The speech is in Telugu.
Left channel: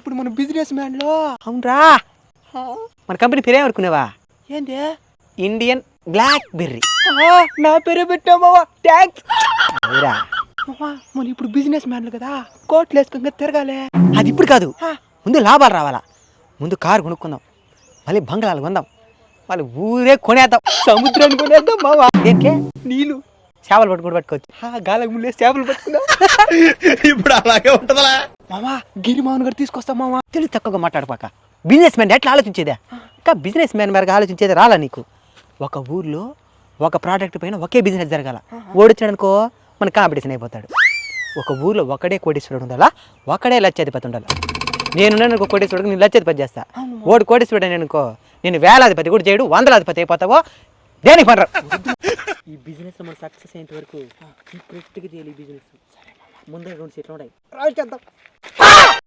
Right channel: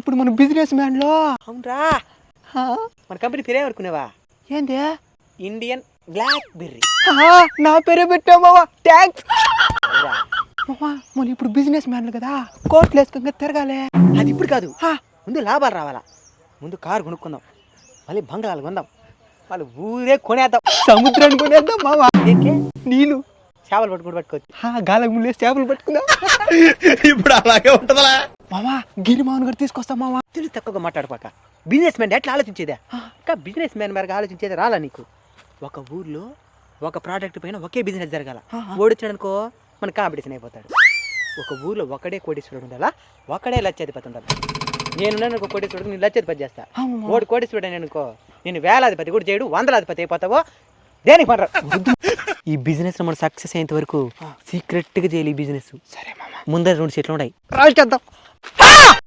ఇప్పుడు మన బిజినెస్ మ్యాన్ లో అవునరా మన కంపెనీ పేరు ఏమనుకున్నావా? ఏంది ఇండియన్ బ్లాక్ బెర్రీ. నా పేరే పెట్టావు మావా, థ్యాంక్స్. అవురా, మనం ఇప్పుడు బిజినెస్ మ్యాన్లు కదా, కోట్లు వేసుకుంటే తిరగాలి. అది ఇప్పుడు కాదు, ముందు లాభాలు రావాలా. ముందు కారు కొనుక్కుందాం, మళ్ళీ బంగ్లాలు కొందాం, మళ్ళీ ఊరే కొనేద్దాం, సముద్రాన్ని కొనేద్దాం మావా. ఏంకే నీళ్ళు చేపలు పట్టుకోవచ్చు. గాలకు ముందే చేపలు పట్టుకున్నా. ఇప్పుడు అలాగే ఉంటదా మామా? గిరి మామూలు గారు తీసుకొస్తాం మావా. తెలివి తక్కువగా మాట్లాడపాక. బిజినెస్ మ్యాన్ ఎట్లా ఆలోచించేదా? ఇంకా బిజినెస్ మ్యాన్ మేరకు ఆలోచించేది రాలా నీకు? ఒక ఊర్లో ఒక ప్రోడక్ట్ పైన ఒకే బిజినెస్ జరగాల. ఓడొచ్చాడనుకో మన కాంపిటీషన్ అయిపోతాడు. ఒక ఊర్లో ఒకడే కోటీశ్వరుడు ఉండాలా, ఒకడే లక్షాధిపతి ఉండాలి. నేనున్నాను ఒక కోటీశ్వరుడు, నేను లక్షాధిపతి చేస్తా. ఓడి కోటీశ్వరుడు అని అనుకో, నేను వేలాధిపతి కూడా చేయడు, వందలాధిపతి అయిపోతావో దేని పడరా. ఈ బిజినెస్ మనం సక్సెస్ అయ్యేంత వరకు సీక్రెట్ గా చేయాలి. ఈ బిజినెస్ సరే మామా, ముందర 2 సీట్లు ఉన్నాయి, రాజు చేద్దాం.